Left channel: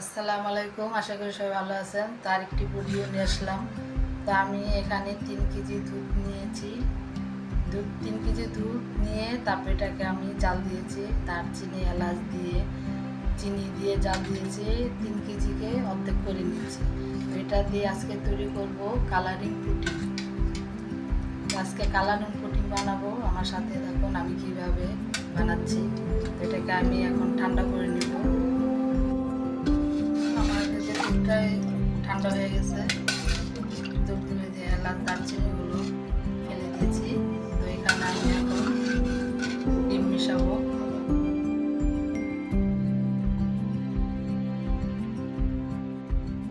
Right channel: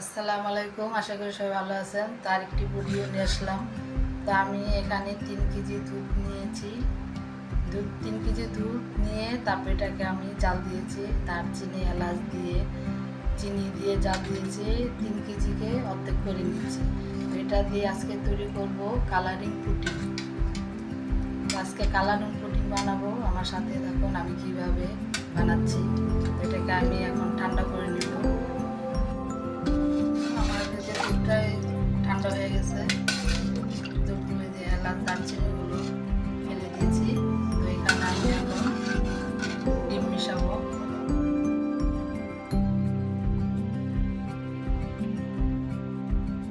আসসালামু আলাইকুম, আশা করি সবাই ভালো আছেন। তার একটি ভিডিও নিয়ে আসলাম। তো আমি এখানে 3 কেজি দুধ নিয়েছি। 3 কেজি দুধ নিয়ে তারপরে এটাকে আমি জাল দিয়েছি, দারচিনি এলাচ দিয়ে চিনি দিয়ে জাল দিয়েছি। 3 কেজিকে অর্ধেক করে নিয়েছি। তো এটা দিয়ে আজকে তৈরি করব কালারিং পুডিং। আজকে কালারিং পুডিং বানাবো। আমার সাথে দেখুন আমি কিভাবে বানাচ্ছি। এটাকে আমি এখন ঠান্ডা করে নিব। আমার যে দুধটাই ঠান্ডা হয়ে গেছে, দুধগুলো দিয়ে এলাচ দারচিনিগুলো ফেলে দিয়েছি। তো এখানে আমি এখন ডিম মেশাবো।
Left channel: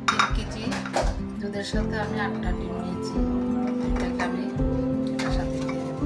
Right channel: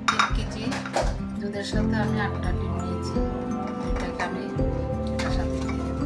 3 কেজি দুধের সাথে আমি 8টা ডিম নিয়েছি। এটাকে আমি এটার সাথে দিয়ে দেবো।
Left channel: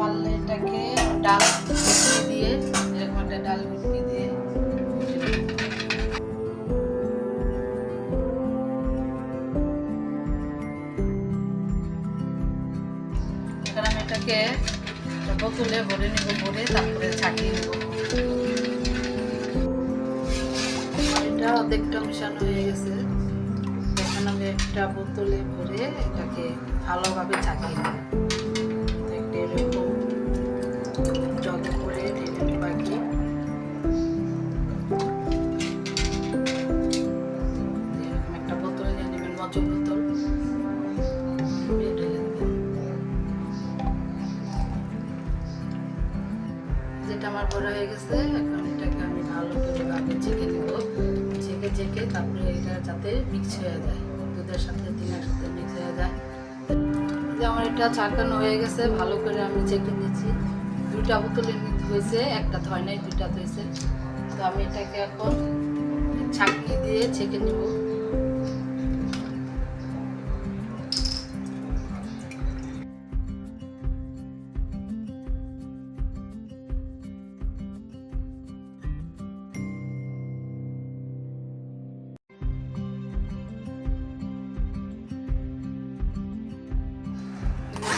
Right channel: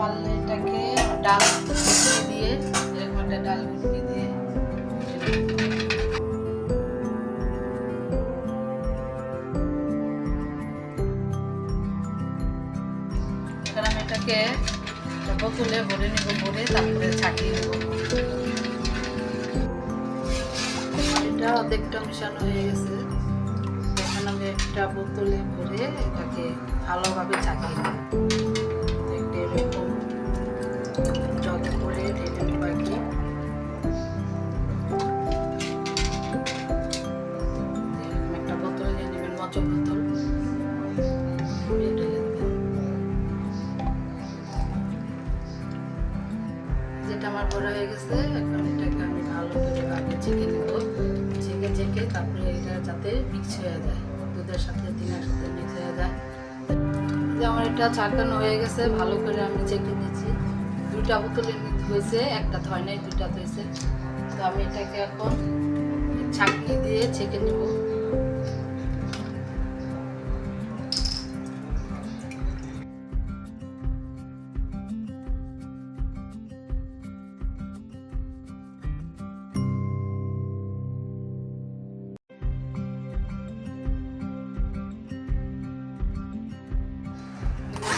পারলে এটাকে ডাল ঘুটনি দিয়ে, এরকম একটা ডাল ঘুটনি দিয়ে এখানে আমি এটাকে বোতলে ভরে নেব। ভরে তারপরে ছাঁকিয়ে নেব। এটা অর্ধেকটা মেশানো হয়ে গেছে। এখন আমি একটা বোতলে ভরে এটাকে ভালোভাবে ছাঁকিয়ে নেব। একটা এরকম জগে করে ঢেলে নেব। বাকি এরকম একটা বোতলে নিয়ে নেবেন, মজো বোতল, ঢেলে দেবেন। যেটা আমার বড় হয়ে গেছে, এখন এটাকে আমি ভালো করে ভাবে ছেঁকে নেব। ছেঁকে তারপরে এটা যাতে মিক্স হয়ে যায়, দুধের সাথে ডিমের সাথে মিক্স হয়ে যায়। যে আমার এটা ছাঁকানো হয়ে গেছে, ভালো করে আমি ছেঁকে নিয়েছি। 2টা বোতলে নিতে হয়েছে, একটা হয় নাই, 2টা হয়েছে। তো আমি এটাকে এখন ছাঁকনি দিয়ে ছেঁকে নেব।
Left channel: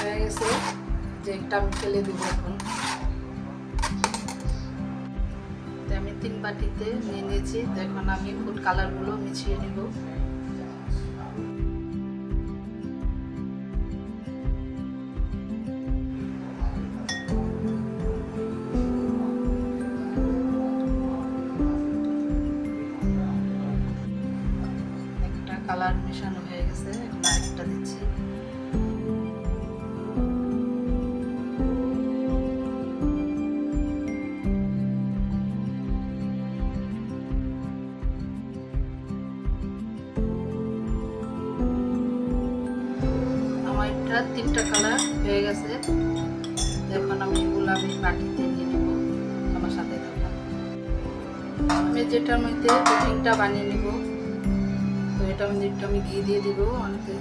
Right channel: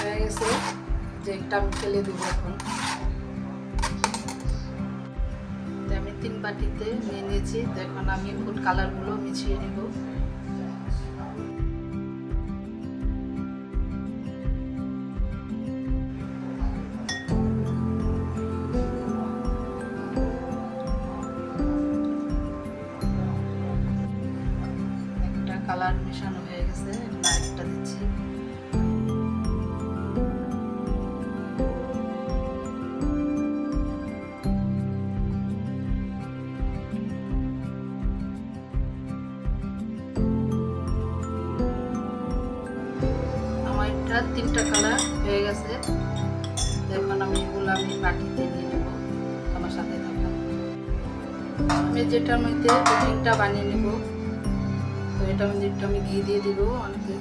হয়ে গেছে, যে একটা আমি ফেলে দেবো এখন। আমি 3 বাটিতে নিয়ে নিয়েছি। তো এখন আমি ফুড কালারগুলো মিশিয়ে নেব। একটা কালার মেশানো হয়ে গেছে, এখন আরেকটা দিচ্ছি। আমার এটা 3টা কালার হয়ে গেছে। এখন আমি এগুলো বাটিতে নিয়ে নেব। আমার সাথে থাকবো। আমি যেটার মধ্যে পুডিংটা বানিয়ে নেব। তো এটার মধ্যে একটু আমি ঘি দিয়ে দিব। অনেকে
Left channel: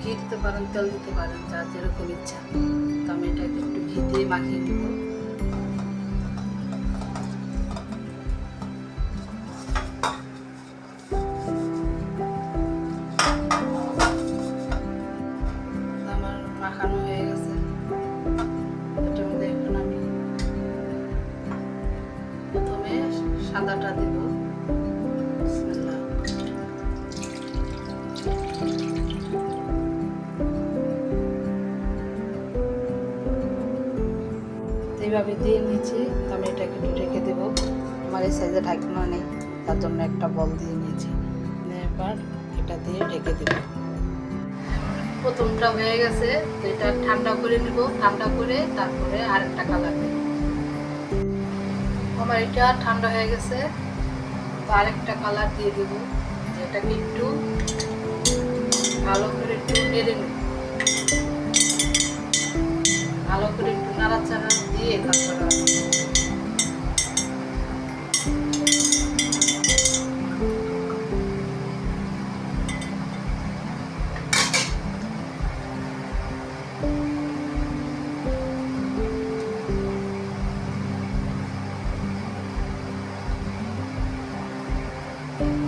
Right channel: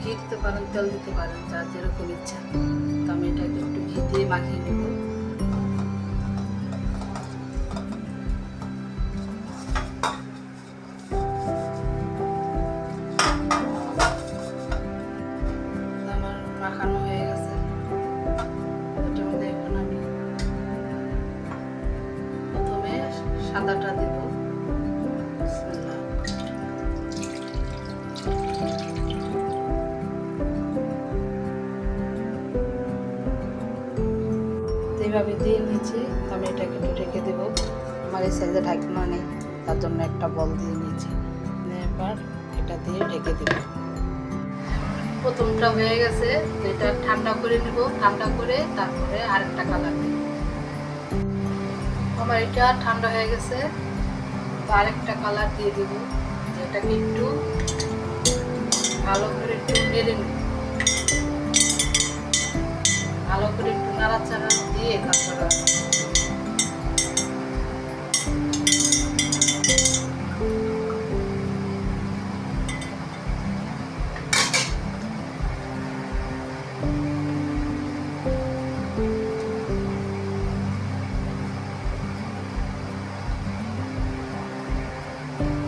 ঘি দিতে পারেন, তেল দিতে পারেন, যার যেরকম ইচ্ছা। তো আমি এটাকে একটু ঘি দিয়ে মাখিয়ে নেব। আমার মাখানো হয়ে গেছে। এটার মধ্যে এখন আমি প্রথমে সাদাটা দেব। বিসমিল্লাহ। এইভাবে দিয়ে নিয়েছি। আমি এটাকে একটু ঢেকে দেবো। আমার এই সাইজে ঢাকনা নেই, তার জন্য একটা বল দিয়ে নিয়েছি। এবার এটা দিয়ে ঢেকে দেব। প্রথমটা হয়ে গেছে। তো এটা ঠান্ডা করে নিব। ঠান্ডা করে তারপরে আরেকটা কালার দেব। আমার এটা ঠান্ডা হয়ে গেছে। তো আরেকটা কালার দিয়ে দেবো। এটাকে একটু ভালো করে একটু নেড়ে নিই। ভালো করে একটু নাড়াচাড়া দিয়ে তারপরে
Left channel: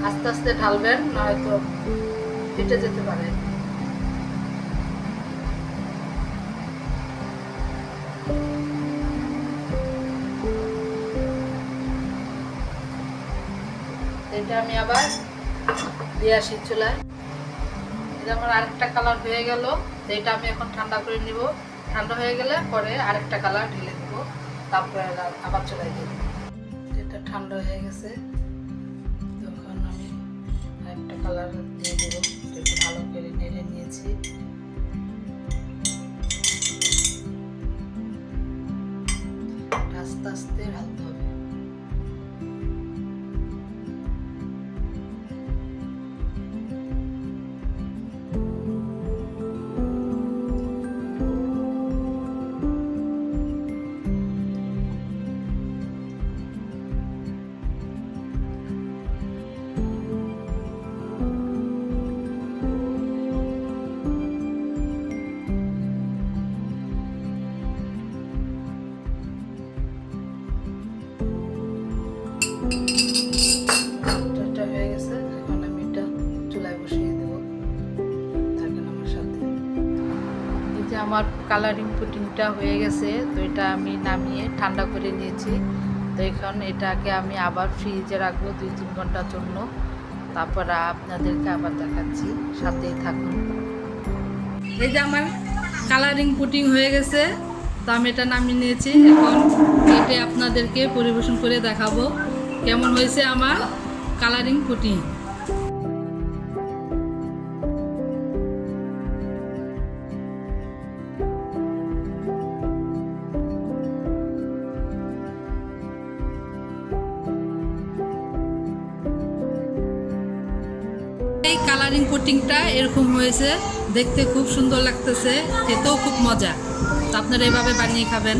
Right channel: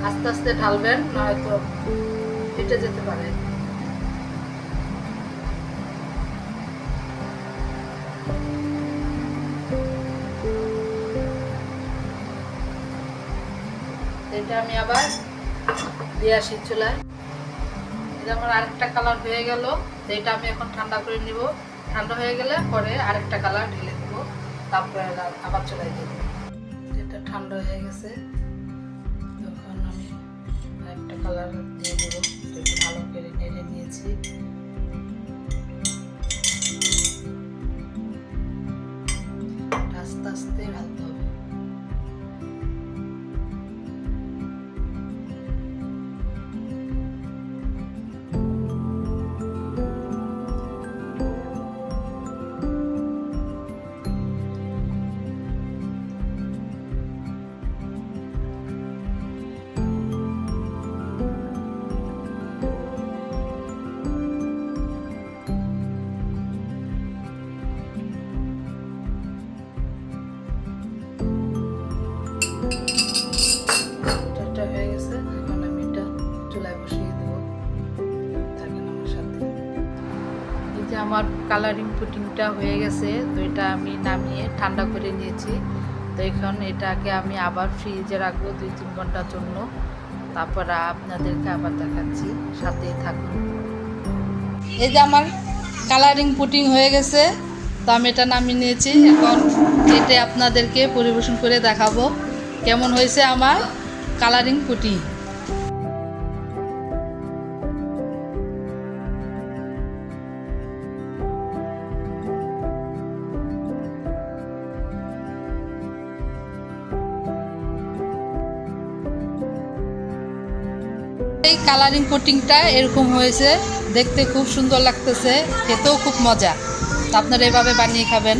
আস্তে আস্তে ঢালবেন, নয়তো ফেটে যেতে পারে। এটা আমি আবার দিয়ে আসি চুলায়। এটা আমার আরেকটা কালার হয়ে গেল। এটা আমি এখন ঠান্ডা করে নিব। ঠান্ডা হয়ে গেলে পরে আরেকটা কালার ঢেলে দেবো, তারপরে আবার চুলায় দেবো। এটা ঠান্ডা হয়ে গেছে, তখন আমি আরেকটা কালার দিয়ে দেবো। একটু ভালো করে নেড়ে নিয়েছি। আস্তে আস্তে ঢালতে হবে। হয়ে গেছে, এখন আমি এটা চুলায় বসিয়ে দেবো। থাকেন আমার সাথে। এই যে আমার কালারিং পুডিংটা হয়ে গেছে, তো এটা আমি নামিয়ে ঠান্ডা করে নিয়েছি। তো এখন এটাকে আমি আবার ফ্রিজে রাখবো 2-3 ঘন্টার জন্য। তারপর আপনাদেরকে আবার দেখাচ্ছি, সাথেই থাকুন। এই যে আমার কালারিং পুডিং হয়ে গেছে, তো আমি এটা নামিয়ে নিয়েছি। এখন এটা আপনাদেরকে পরিবেশন করে দেখাবো কেমন হয়েছে আমার কালারিং পুডিং। এই কালারিং পুডিংটা এরকম হয়েছে, দেখতে খুব সুন্দর লাগতেছে, খেতেও খুব মজা। তো আপনারা এভাবে বানিয়ে খাবেন।